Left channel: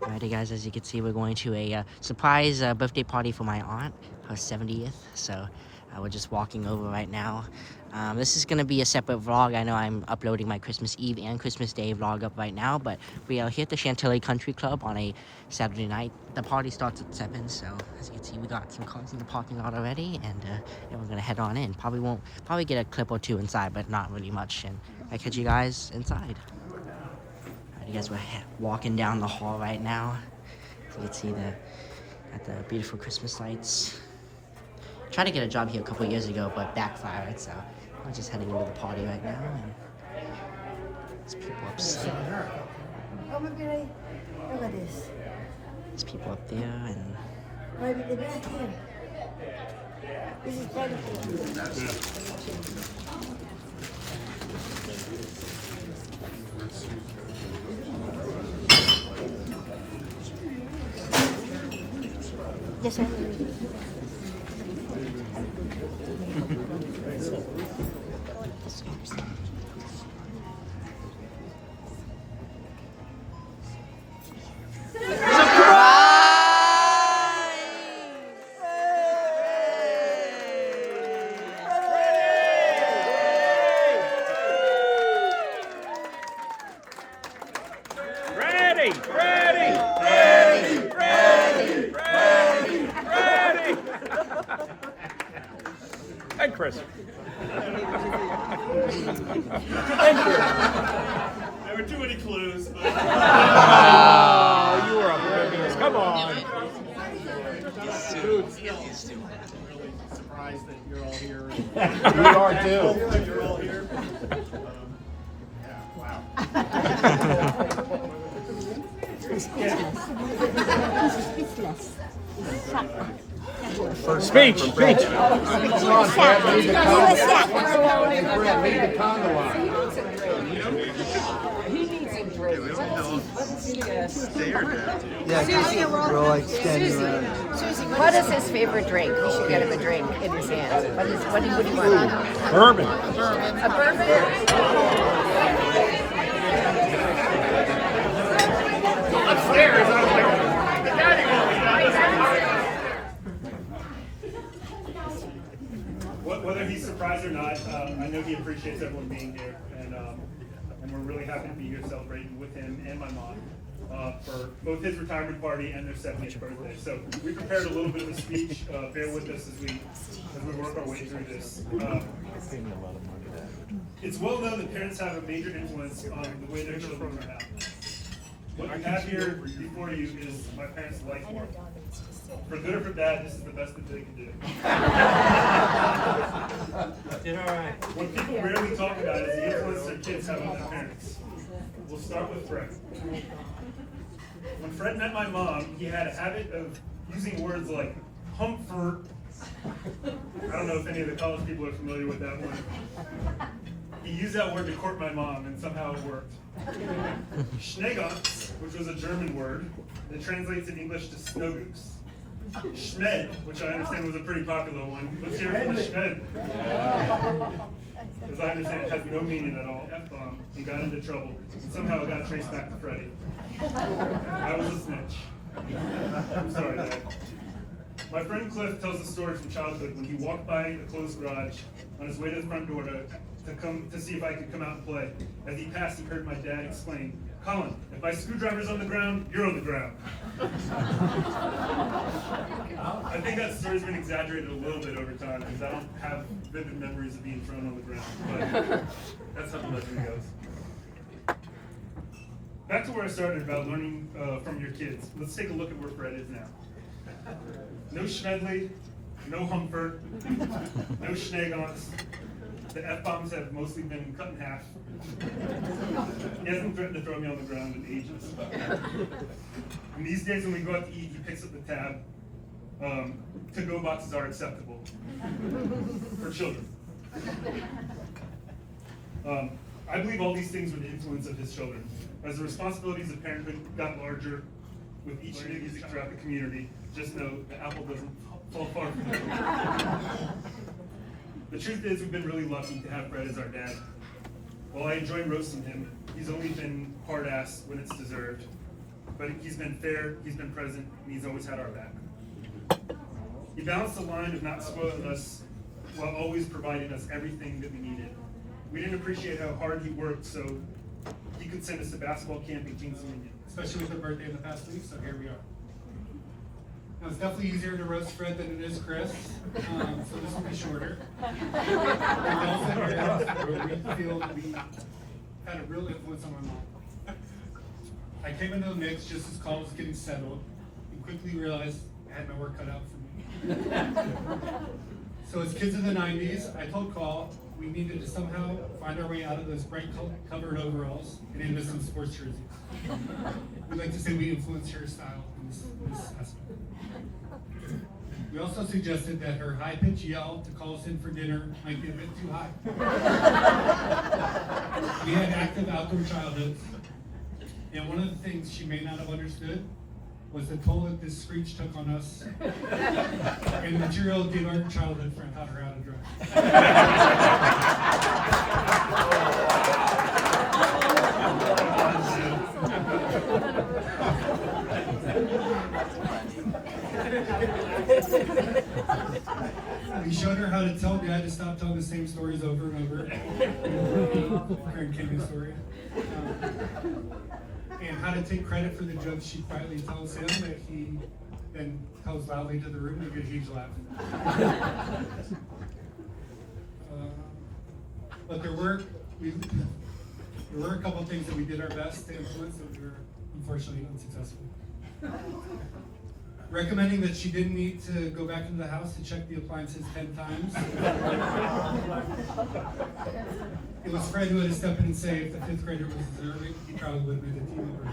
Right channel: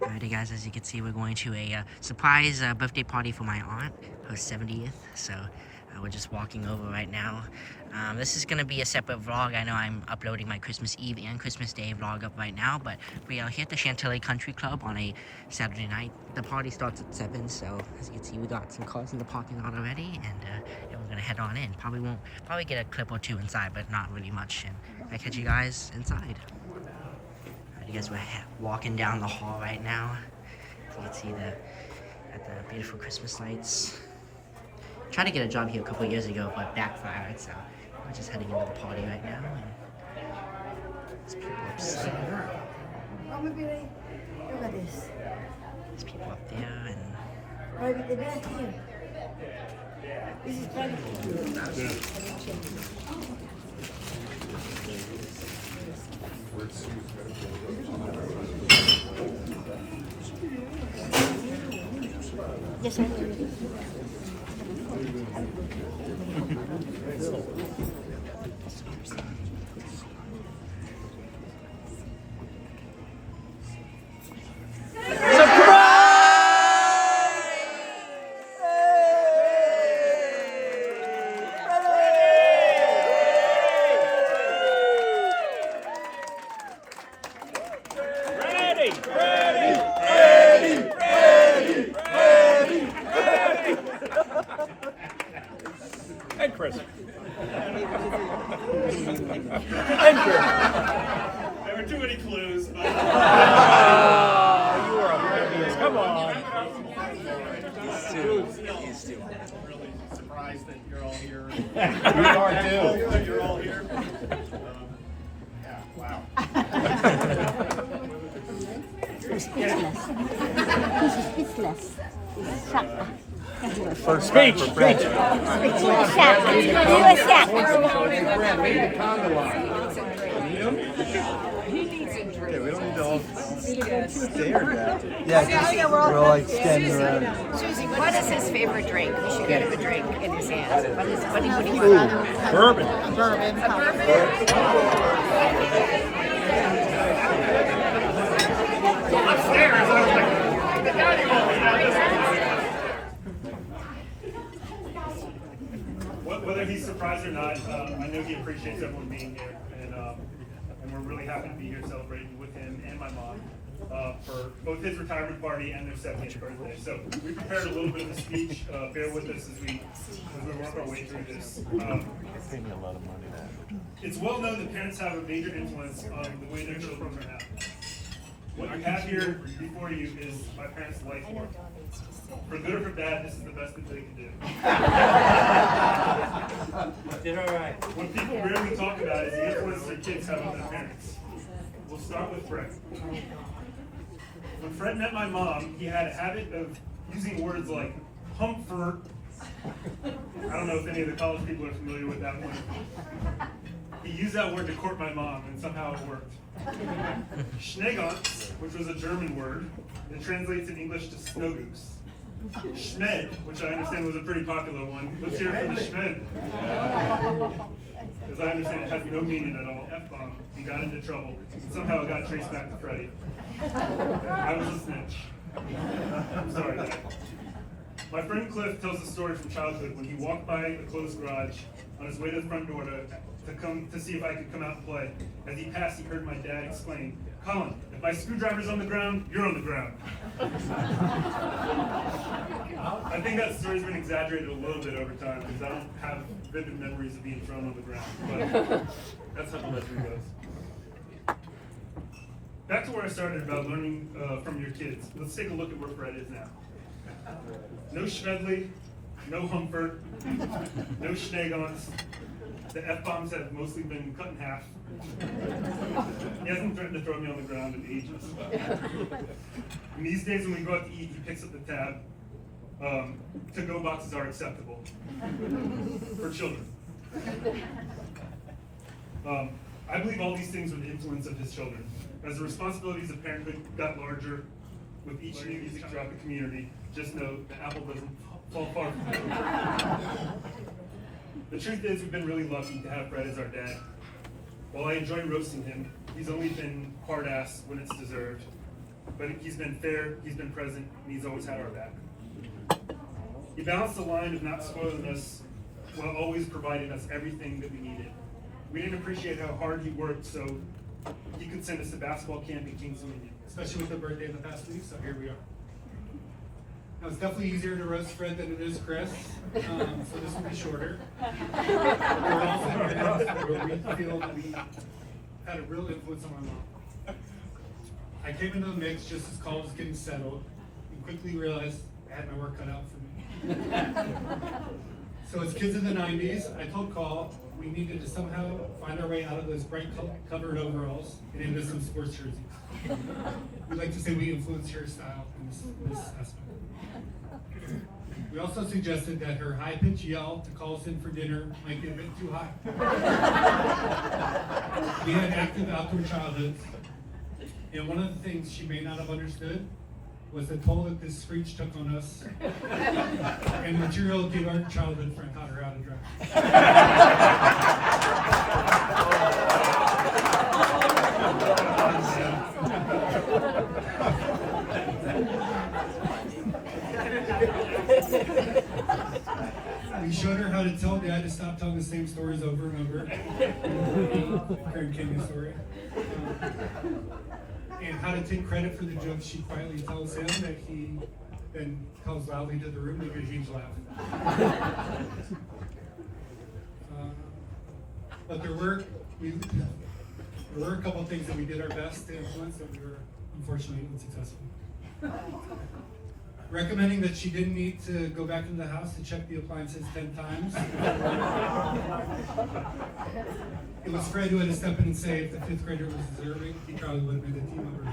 Alrighty guys, as you can see, we're going to a surprise birthday party for my aunt, her 70th. So we're just walking over right now. This is going to be a separate vlog. I know I'm uploading my Christmas Eve and Christmas Day vlog up right now, but we are here at the Chantilly Country Club on a Saturday night. The party starts at 7, so as you can see, we got some cars in the parking lot already, and we're going to head on in. Probably get a clip or two inside, but not really much, and I'll catch you guys inside. You guys, we're walking down the hall right now. You can see got the beautiful Christmas lights. Tried to get a job here a couple years ago, but backfired. So we're just heading into the party right now. And there's people upstairs. There's people up there, and this is yes, sir. Hi, Chris. There were too many clues. You were oblivious. Come on. He's really surprised that you're all here. We are too. That you're all here. Yeah. Wow. Speech. Brad, leave the conga line. Susie, what is his favorite drink? We should get him a drink in his hands. What do you want? Bourbon. A bourbon? Whether he's surprised or not, I know he appreciates everyone being here, and we're really happy to be here celebrating with him and my mom for both his retirement party and their 70th birthday. So we prepared a little bit of a speech. Bear with us as we work our way through this. It's well known that parents have a major influence on the way their children turn out. What you have here before you is my parents' life work. For good or for bad, this is the best that they can do. What people rarely talk about is the influence their kids have on their parents. We'll start with Fred. When Fred met my mom, he had a habit of using words like comfort. I don't know if any of the college people are familiar with that one. He used that word to court my mom, and somehow it worked. Schneegans, which was a German word, that translates in English to snow goose. Schmed, which I understand was a pretty popular one. Let's hear it for the Schmed. As I understand, it has no meaning at all. F-bomb. He got into trouble. And somehow it got traced back to Freddie. I was a snitch. I'm sorry, Dad. My friend Cliff tells a story from childhood when he walked by a closed garage on his way to the front door to see if I could come out and play. As he passed, he heard my dad exclaim, "Colin, if my screwdriver's on the ground, you're on the ground." I think that story's been exaggerated a little bit over time because I don't have vivid memories of being thrown on the ground, but that's how the legend goes. Back to where I started about learning from your kids. Let's take a look at where Fred is now. No Schmedley, no Humford, no Schneegans. The F-bombs have mostly been cut in half. He hasn't threatened to throw me on the ground in ages. And these days when we go out to eat, he picks up the tab. To-go boxes are acceptable for children. I believe all these things were the influence of his children. As the responsibilities of parenthood got larger with each new music throughout the community, just know the apple doesn't fall far from the tree. The truth is, we've been really lucky to have Fred as our dad. While I enjoy roasting him, he's only been hard-ass when it's deserved. but he's been fair, he's been present, and he's always had our back. He balanced the line of not spoiling us while always providing us everything that we needed. We didn't appreciate how hard he worked, so he could send us to basketball camp in Kings Dominion. Especially with her birthday in the past week, so here we are. Now, it's definitely easier to roast Fred than it is Chris, so this will be shorter. We're also areas where we feel that we had a real influence on my mom. I came into the mix just as Call was getting settled and quickly realized I had my work cut out for me. So as kids in the 90s, I told Call we needed to somehow find our way out of those bright covered overalls and into some sports jerseys. We'd like to say we influenced her style in this aspect. We also suggested that her high-pitched yell to call us in for dinner might get a bit too high. We had active outdoor childhoods, and one of the things she may not have understood was the toll that this screech took on us, and the material gave our childhood friend taught her how to drive. We showed her how to tell Dad to stop telling the same stories over and over. Karen King's story. And how to take credit for the jokes she quietly tells him that he then tells loudly to the room to get a huge laugh. But there were a couple of things that we did our best to influence that we were unfortunately unsuccessful. Recommending that she didn't need to go back into the house to check the appliances 10 times. It was Fred who had to step in and say if the 5th grader was deserving, he probably would have made a team member.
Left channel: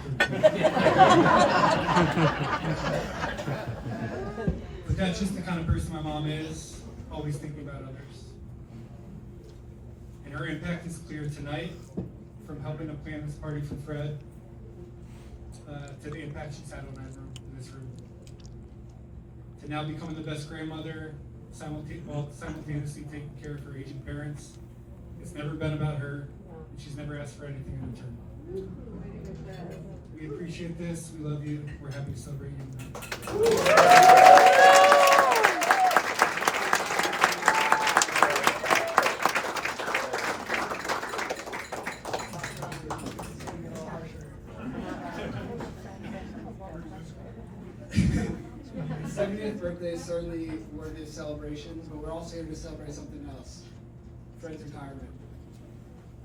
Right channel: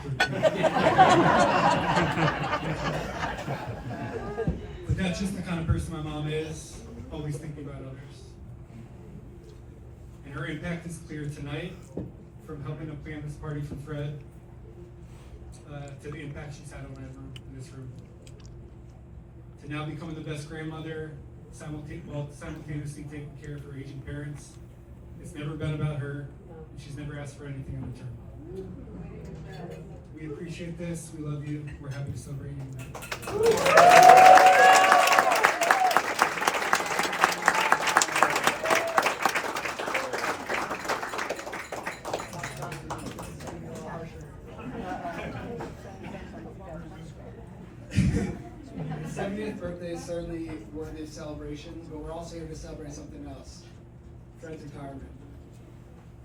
But that's just the kind of person my mom is, always thinking about others. And her impact is clear tonight, from helping to plan this party for Fred, to the impact she's had on everyone in this room. To now becoming the best grandmother, simultaneously taking care of her aging parents. It's never been about her, and she's never asked for anything in return. We appreciate this, we love you, we're happy to celebrate you tonight. His 70th birthday is certainly worthy of celebration, but we're also here to celebrate something else. Fred's retirement.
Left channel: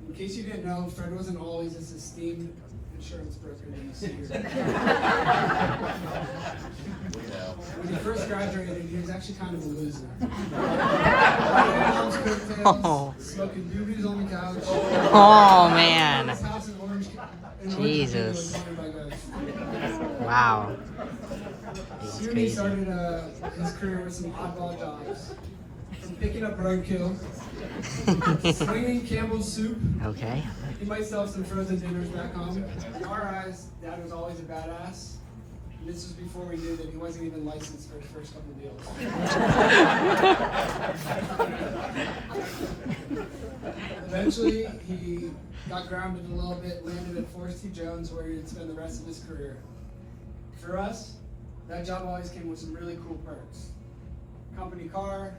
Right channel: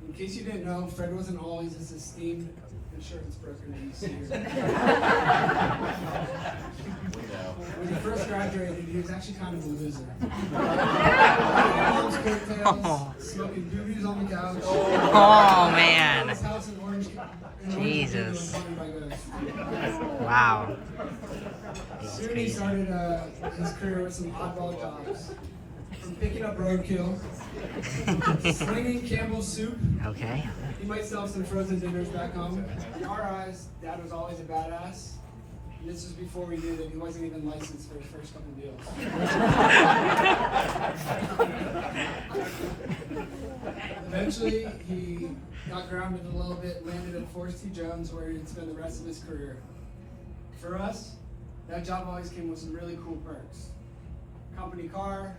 In case you didn't know, Fred wasn't always this esteemed insurance broker that you see here. When he first graduated, he was actually kind of a loser. Mom's coattails, smoking doobies on the couch. Oh man. His house in Orange Jesus. County by ghost. Wow. It's Soon he crazy. started his career with some oddball jobs. From picking up roadkill, slinging Campbell's soup. Okay. He might sell some frozen dinners back home. In our eyes, Dad was always a badass. And this was before we knew that he wasn't even licensed for his first couple of deals. Eventually, he got grounded a little bit, landed at Forrest T. Jones, where he'd spend the rest of his career. For us, that job always came with some really cool perks. Company car,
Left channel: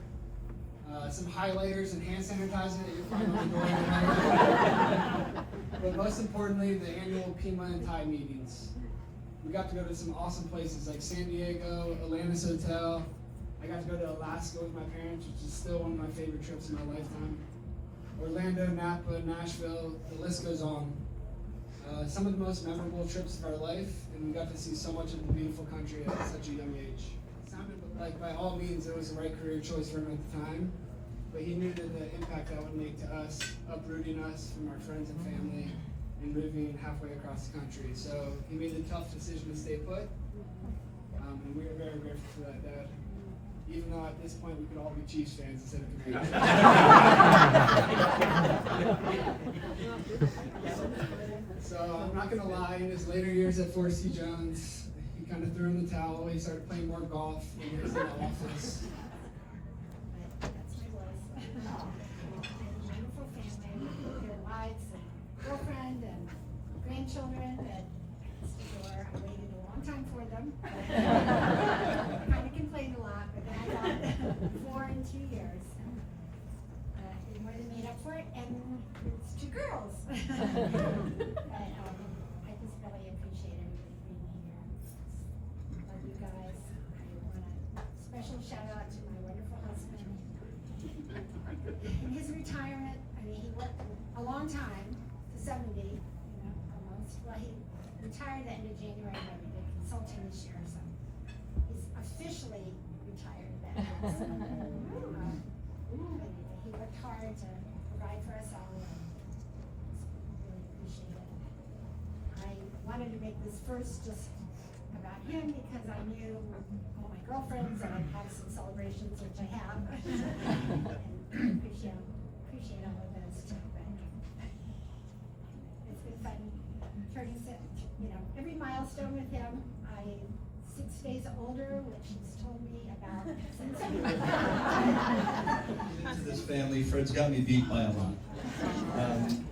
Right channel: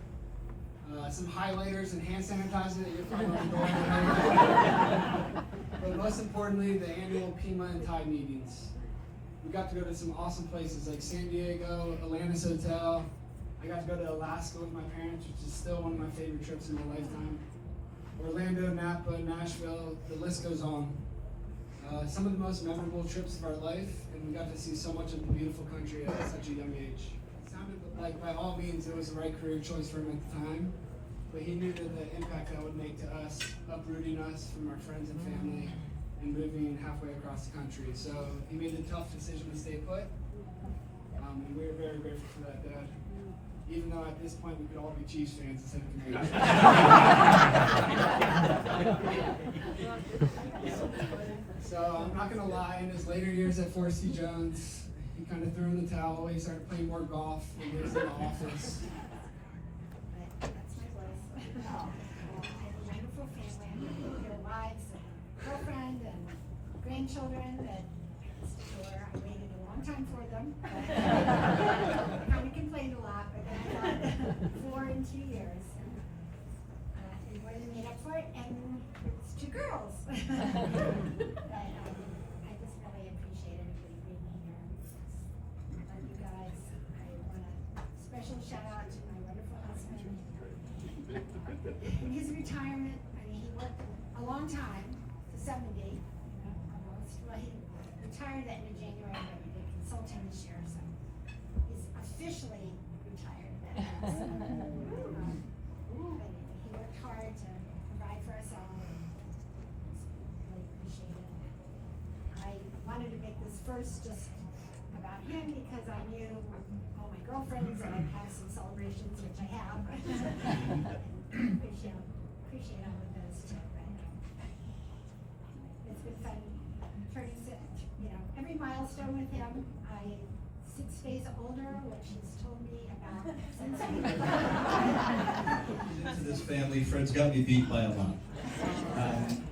some highlighters and hand sanitizer that you find on the door. But most importantly, the annual Pima and Thai meetings. We got to go to some awesome places like San Diego, Atlantis Hotel. I got to go to Alaska with my parents, which is still one of my favorite trips in my lifetime. Orlando, Napa, Nashville, the list goes on. Some of the most memorable trips of our life, and we got to see so much of the beautiful country at such a young age. It sounded like by all means it was the right career choice for him at the time, but he knew that the impact that would make to us, uprooting us from our friends and family, and moving halfway across the country. So he made the tough decision to stay put, and we are very grateful for that, Dad. Even though at this point we could all be Chiefs fans instead of Commanders. So I'm not gonna lie, in his later years at Forrest T. Jones, he kind of threw in the towel. He started playing more golf and he was in the office. Wonderful family, your wives and girlfriend and grandchildren that I'm sure I waited him. I kind of complained a lot, but then I got 4 in 2 years. We more than made up for it, and it's 2 girls. But I just really appreciate everybody being here. Love you guys. I want a special shout out to my wonderful husband. In his retirement, I mean, he worked a long time, 70, almost. Well, he retired at the end of January, but he did consulting this year, so he's officially retired at that. So, he worked hard to provide for us all, and really appreciate it. I wanted to make this first just about him because I knew all my girlfriends and I'd have some celebrations, which I have. And appreciate all of those too. It's been fun turning, every milestone with him. I'm 6 days older, which he's told me about since Into this family, Fred's got me beat by a lot.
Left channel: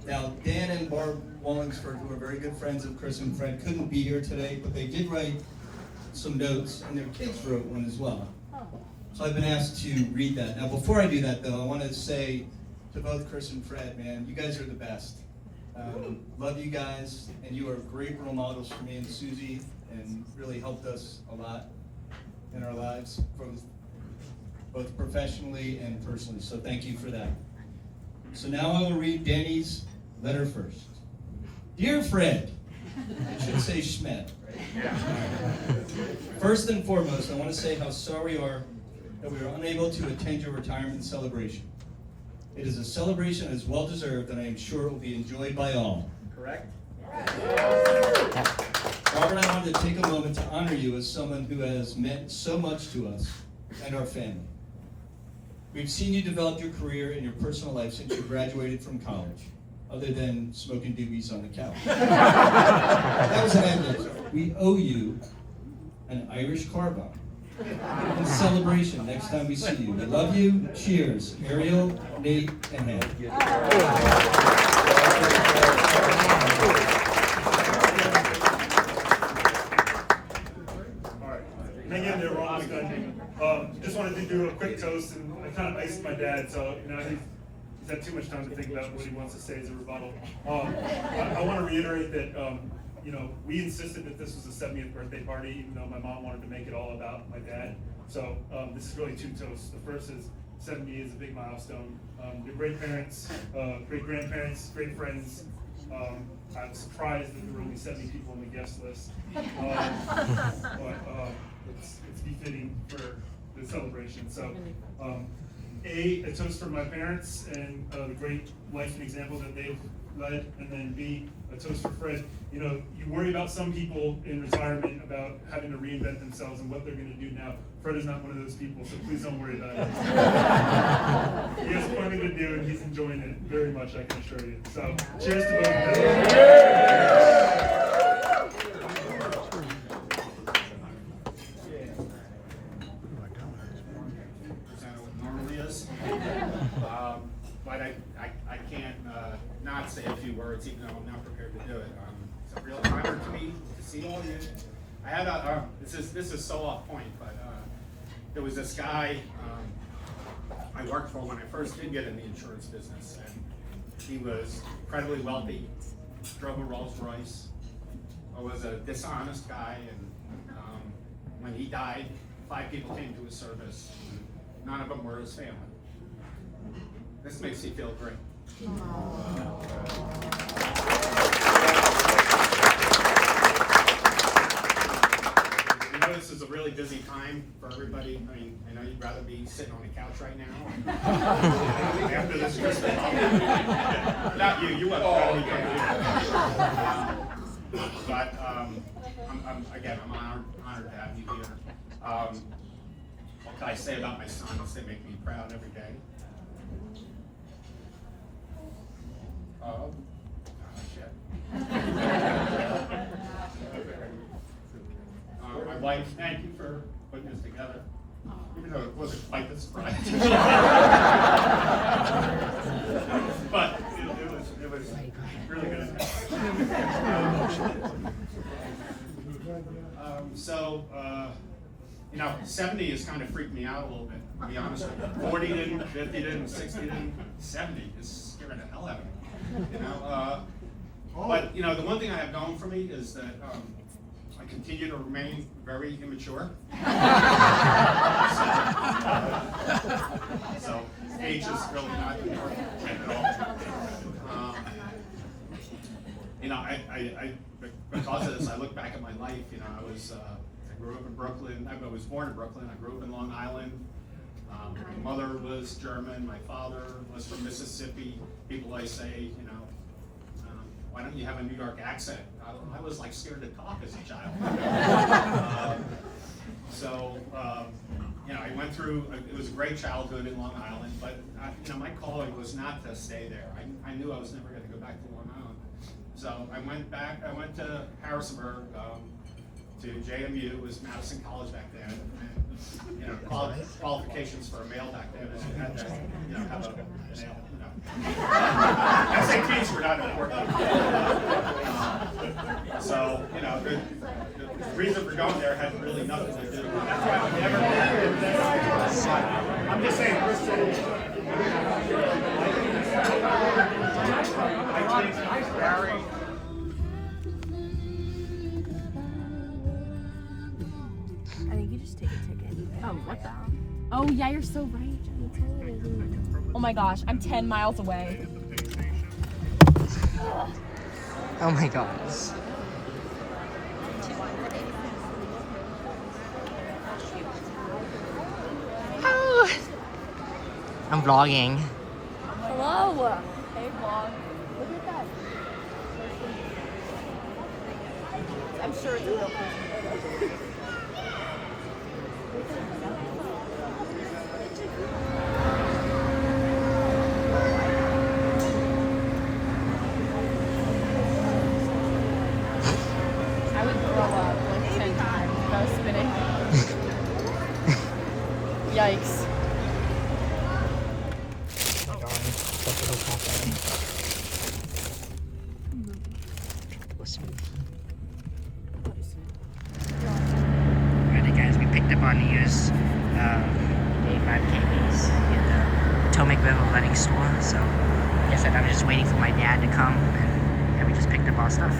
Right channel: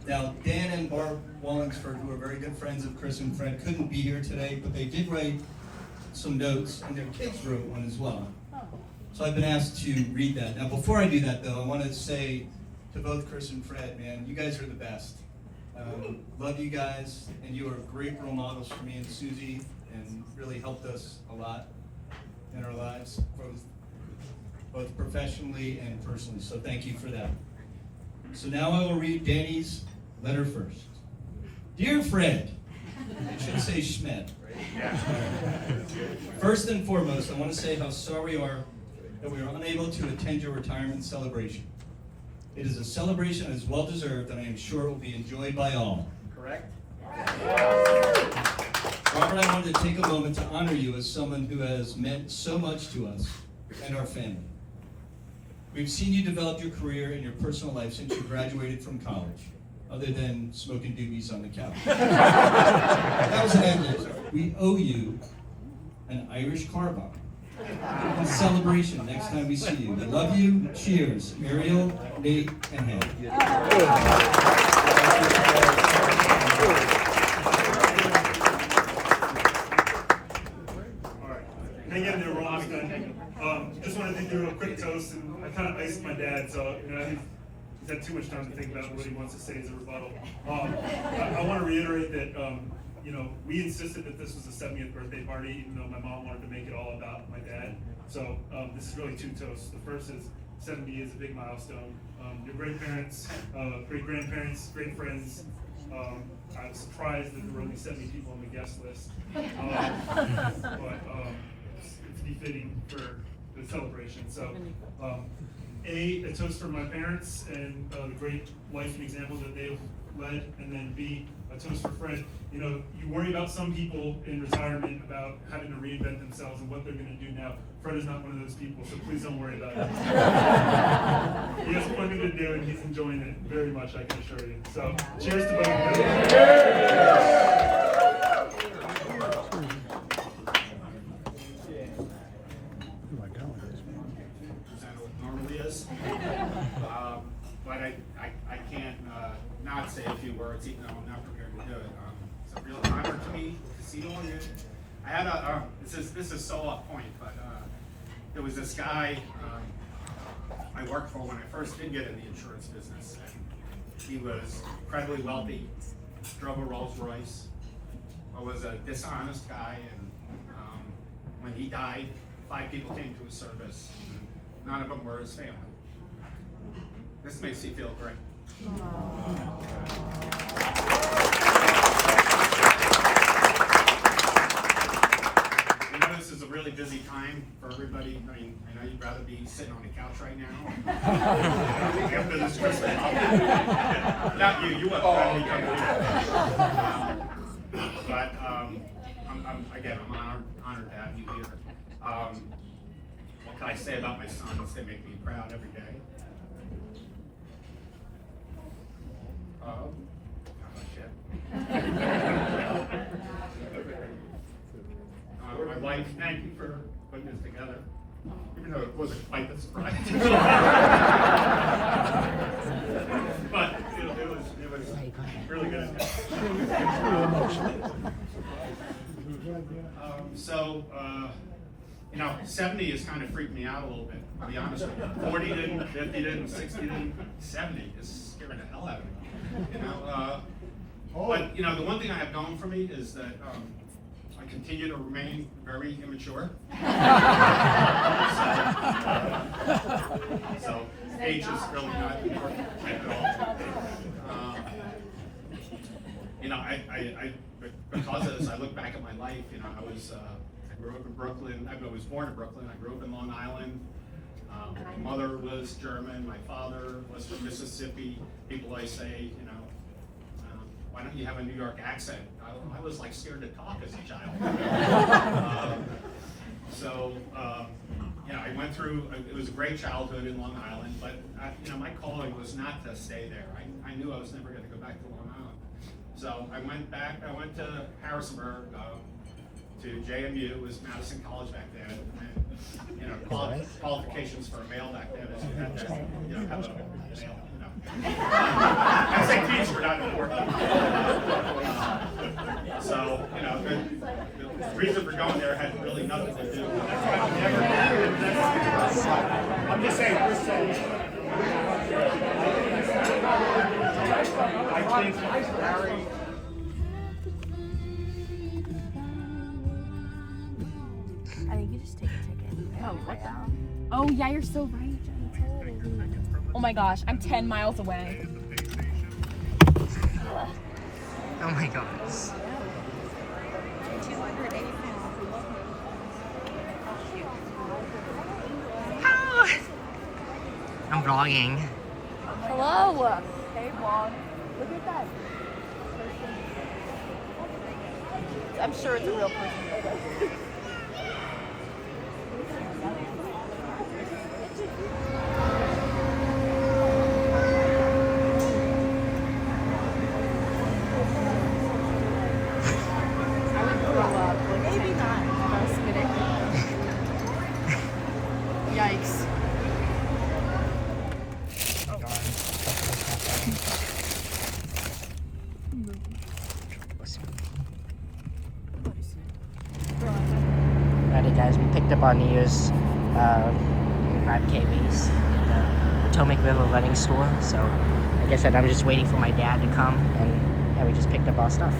Now, Dan and Barb Wallingsford, who are very good friends of Chris and Fred, couldn't be here today, but they did write some notes, and their kids wrote one as well. So I've been asked to read that. Now, before I do that, though, I want to say to both Chris and Fred, man, you guys are the best. Love you guys, and you are great role models for me and Susie, and really helped us a lot in our lives, both professionally and personally. So thank you for that. So now I will read Danny's letter first. Dear Fred, I should say Schmidt, right? First and foremost, I want to say how sorry we are that we were unable to attend your retirement celebration. It is a celebration that is well deserved, and I am sure it will be enjoyed by all. Correct? Robert, I wanted to take a moment to honor you as someone who has meant so much to us and our family. We've seen you develop your career and your personal life since you graduated from college, other than smoking doobies on the couch. That was an endless. We owe you an Irish car bomb. In celebration next time we see you. We love you. Cheers. Ariel, Nate, and Hank. Hang in there, we're almost done. Just wanted to do a quick toast, and I kind of iced my dad, so he's had too much time to think about what he wants to say as a rebuttal. I want to reiterate that we insisted that this was a 70th birthday party, even though my mom wanted to make it all about my dad. So this is really 2 toasts. The first is 70 is a big milestone. Your great parents, great grandparents, great friends. I was surprised that there were only 70 people on the guest list, but it's befitting for the celebration. So, a toast for my parents and the great life and example that they've led, and then B, a toast for Fred. You worry about some people in retirement about having to reinvent themselves and what they're going to do now. Fred is not one of those people, so please don't worry about it. He has plenty to do, and he's enjoying it very much, I can assure you. So, cheers to both of you. Normally is. But I can't not say a few words, even though I'm not prepared to do it. It's a real honor to me to see all of you. I had this is so off point, but there was this guy I worked for when I first did get in the insurance business. And he was incredibly wealthy, drove a Rolls Royce, was a dishonest guy, and when he died, 5 people came to his service. None of them were his family. This makes me feel great. I know this is a really busy time for everybody. I mean, I know you'd rather be sitting on the couch right now. After this Christmas. Not you, you wouldn't. But I'm honored to have you here. What can I say about my sons? They make me proud every day. My wife, thank you for putting this together, even though it wasn't quite the surprise. But it was really good. You know, 70 has kind of freaked me out a little bit, to be honest with you. 40 didn't, 50 didn't, 60 didn't, 70 is scaring the hell out of me. You know, but, you know, the one thing I have going for me is that I continue to remain very immature. So age is really not important at all. You know, because of this, I look back at my life, you know, I grew up in Brooklyn. I was born in Brooklyn. I grew up in Long Island. My mother was German. My father was from Mississippi. People always say, you know, why don't you have a New York accent? I was like scared to talk as a child. You know, I went through, it was a great childhood in Long Island, but you know, my calling was not to stay there. I knew I was never going to go back to Long Island. So I went back, I went to Harrisonburg, to JMU. It was Madison College back then. And, you know, qualifications for a male back then is you had to, you know, have a male, you know. SATs were not important. So, you know, the reason for going there had really nothing to do with it. I'm just saying, I think you just take a ticket. Oh, what the hell? Oh, yeah, you're so right. Oh my gosh, I'm 10 miles away. Oh my god. Oh. I'm vlogging. Hello. Hey, vlog. Look at that. I'm sure it's a real person. Yikes. Alright guys, we picked up our New Year's 85 KBs in the Potomac River running store. So, like I said, I'm just waiting for my dad to come, and yeah, we just picked up our stuff.